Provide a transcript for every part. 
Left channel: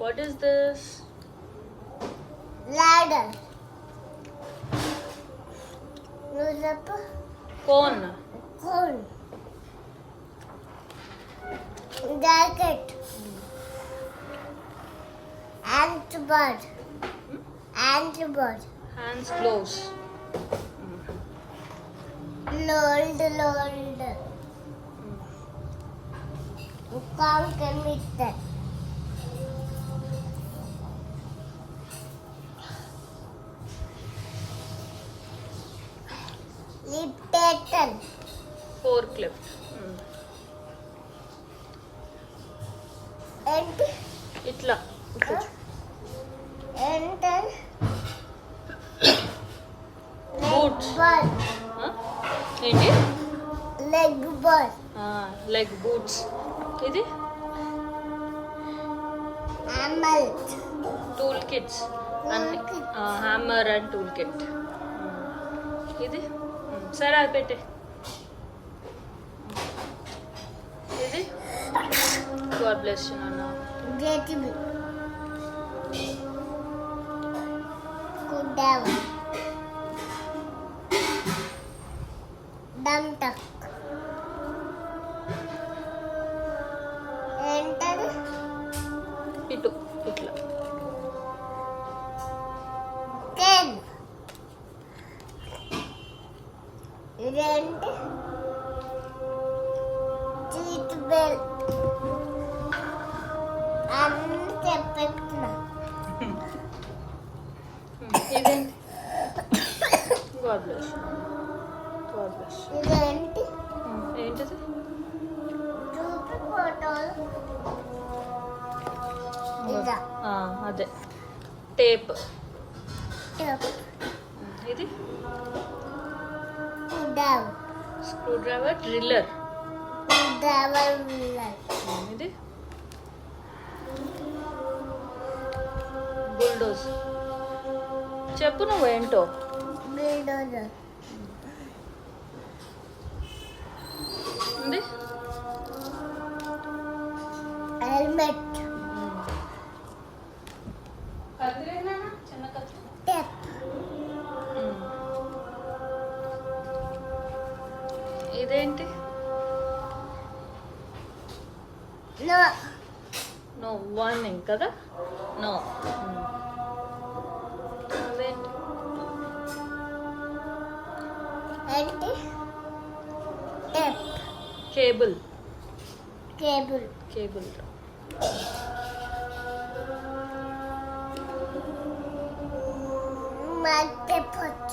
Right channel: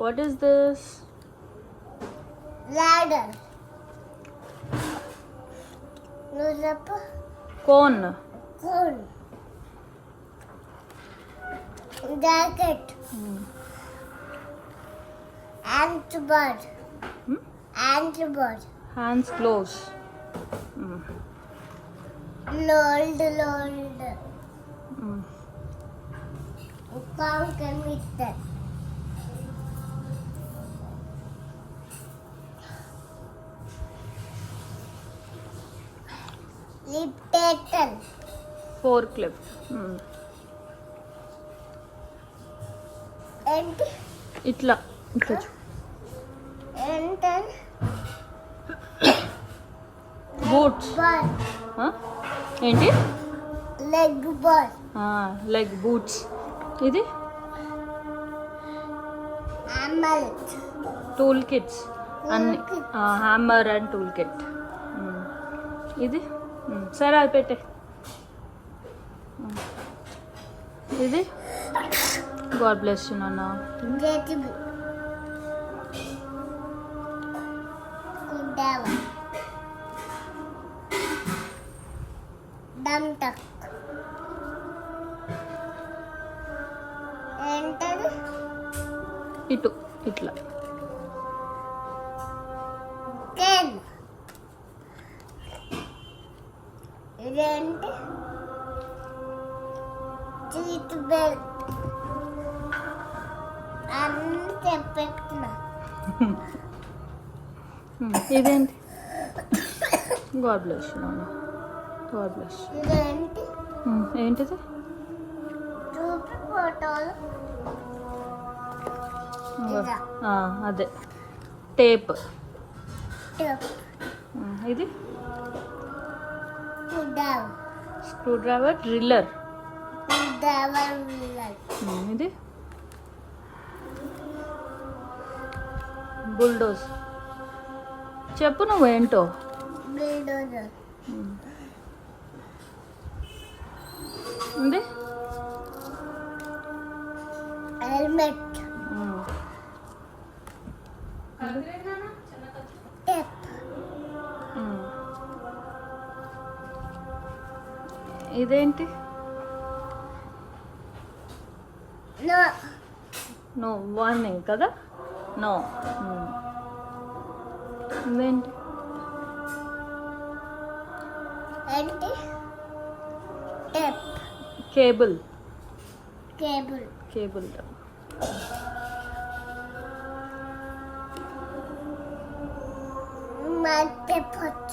What is this? Ladder. Newspaper. Phone. Phone. Jacket. Ant bird. Hmm? Ant bird. Hands close. Load. Hmm. Count meter. Dictator. Forklift. Ant. ఇట్లా Enter. Boots. Bird. Huh? ఏంటి Leg bird. Like boots. ఇది Camel. Tool kits అన్ని Toolkit. Hammer and tool kit. ఇది సరే అది పెట్టే. ఇది God bless you నాన్న. JTB. Kudawa. Duck. Enter. ఇటు ఇట్లా Ten. Rent. Seat belt. అన్ని చెప్పెట్టున్నా. ఇదేంటి God bless you God bless. ఇదేంటి ఏంటిది చూపి ఫోటోలు. ఇదా అదే టేప్. టప్. ఇది కుడావ. Screw driver driller. కుడావ. ఇది బుల్డోజ్. చెప్పు నువ్వేంటో. బిల్డోజర్. ఉంది హెల్మెట్. టెప్. ఇదేంటి నో. నో వార్నింగ్ కదా. నో ఇదేంటి ఏంటి టెప్. కేబుల్. కేబుల్. కేబుల్ మల్టీపట్.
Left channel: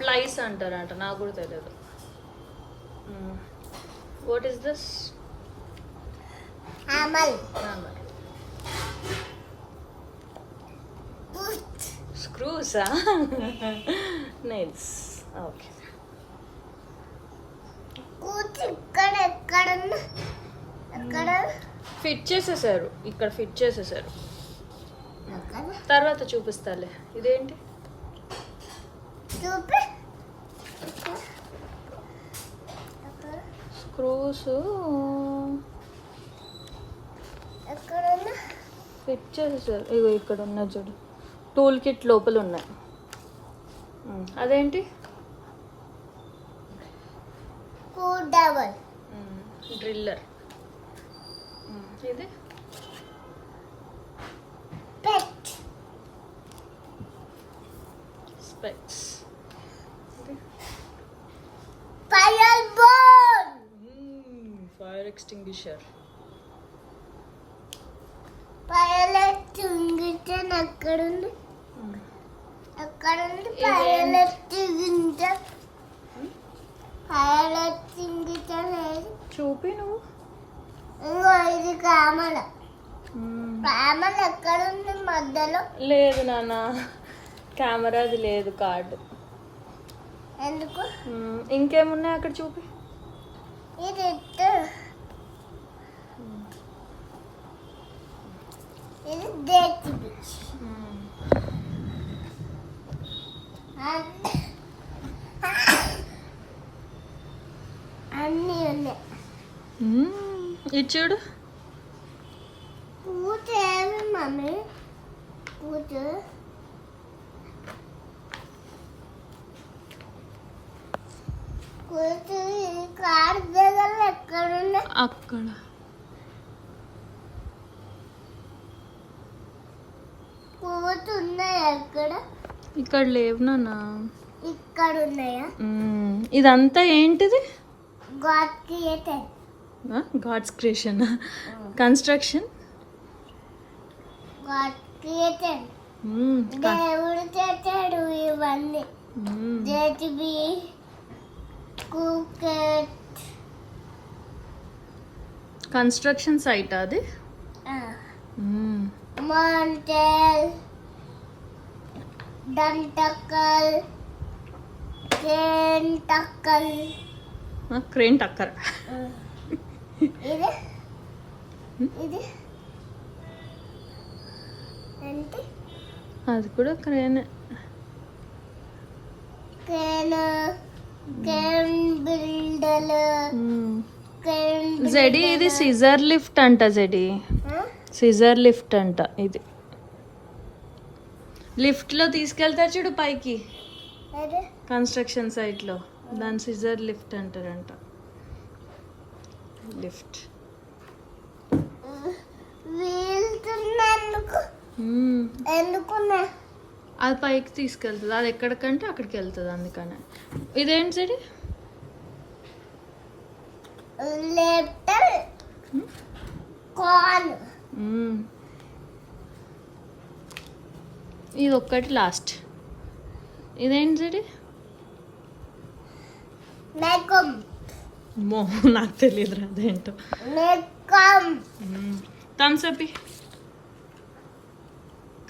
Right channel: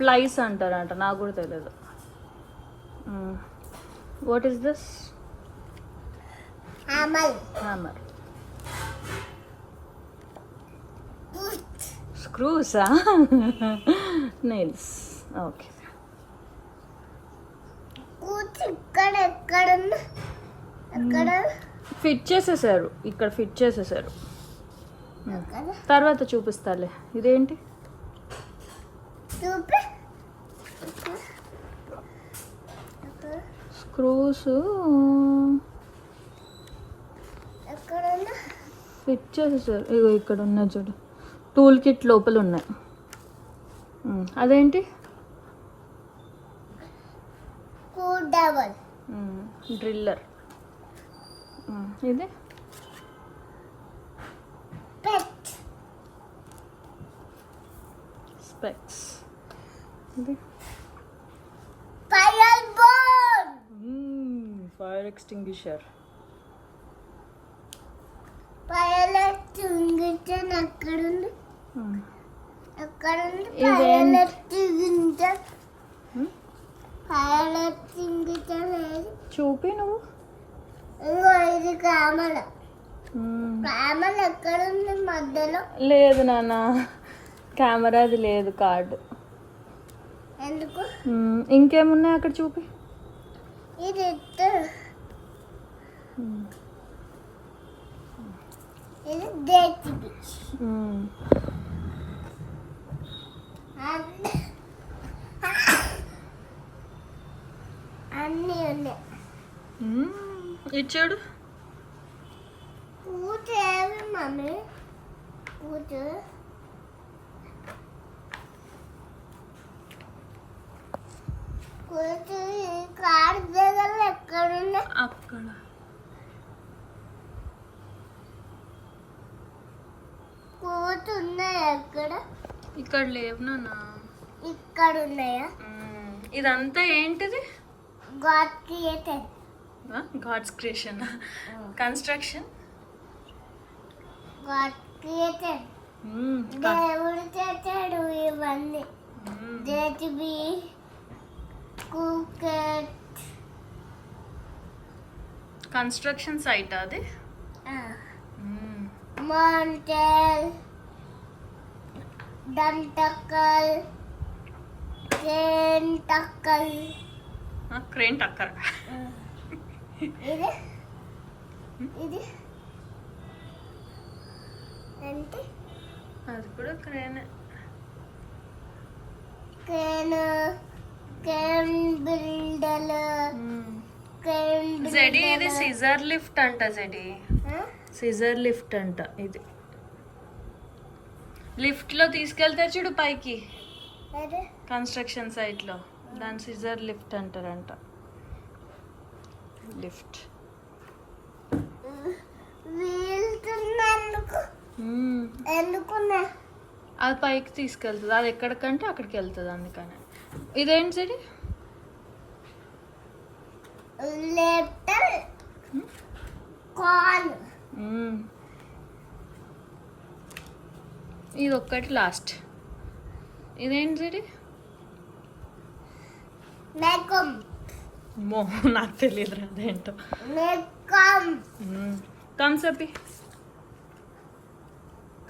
ప్లైస్ అంటారంట, నాకు కూడా తెలియదు. What is this? అమల్. స్క్రూసా? నెయిల్స్. ఓకే. కూర్చు. ఇక్కడ ఎక్కడున్నా ఎక్కడ ఫిట్ చేసేసారు, ఇక్కడ ఫిట్ చేసేసారు. ఎక్కడ తర్వాత చూపిస్తాలే. ఇదేంటి? చూపి. ఎక్కడ స్క్రూస్ ఎక్కడున్నా ఫిట్ చేసేసారు. ఇగో ఇక్కడ ఉన్నాయి చూడు, టూల్ కిట్ లోపల ఉన్నాయి. అదేంటి? కుడావల్. డ్రిల్లర్. ఇది పెట్. స్పెక్స్. ఇది fire board. Fire extinguisher. Fire extinguisher ఎక్కడుంది? ఎక్కడుంది ఇదేంటి? Fire extinguisher? ఫైర్ ఎక్స్టింగ్విషర్ ఏది? చూపి నువ్వు. ఇంకో ఇది కామల. కామల ఎక్కడుంది? మధ్యలో. లేదు నాన్న, కెమెరాది లేదు కార్డు. ఎందుకు? ఇంకేమున్నాయి అక్కడ చూపి. ఇది ఇట్టు. ఇది JTB. అన్నీ ఉన్నాయి. ఇచ్చాడు కూర్చోవి మమ్మీ కూర్చో కూర్చో కార్ దగ్గర ఎక్కడున్నా అక్కడ కూర్చున్నాయా ఎక్కడ ఇక్కడ లేవు నాన్న. ఇక్కడ ఉన్నాయా ఇదంతా ఏంటిది? God created god's creation, construction. God created దేవుడు చేశాడు ఇవన్నీ. జేటీబీ కుకెట్ కన్స్ట్రక్షన్ సైట్ అది. మాంటెల్ దంటకల్ చెంటకల్ క్రేన్ టక్కర్. ఇది ఇది ఏంటి అది కూడా crane. Crane crane builder crane JD ఇది సిజర్ లిఫ్ట్ అంట. జెడి సిజర్ లిఫ్ట్ అంట. ఇది లిఫ్ట్ లో తీసుకెళ్తారు చూడు పైకి, అదే కన్స్ట్రక్షన్ సైట్ లో. దాని సిజర్ లిఫ్ట్ అంటారంట. లిఫ్ట్ వీల్తున్నందుకు ఎందుకున్నా అది పైకి తీసుకెళ్తుంది. అది ఎక్కడికంటే అక్కడికి వెళ్తుంది, అందుకని. ఇదేంటి చెడి? లెటర్ కాల్ ఇది ఒక్కటి లాస్ట్. ఇదేంటి చెడి? మేకం మో నాకు తెలియదు అదేంటో. మేకం థమ్స్ అప్.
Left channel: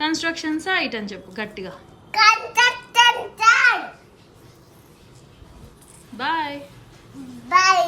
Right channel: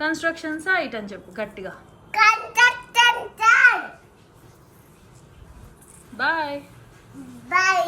కన్స్ట్రక్షన్ సైట్ అని చెప్పు గట్టిగా. Construction bye. బై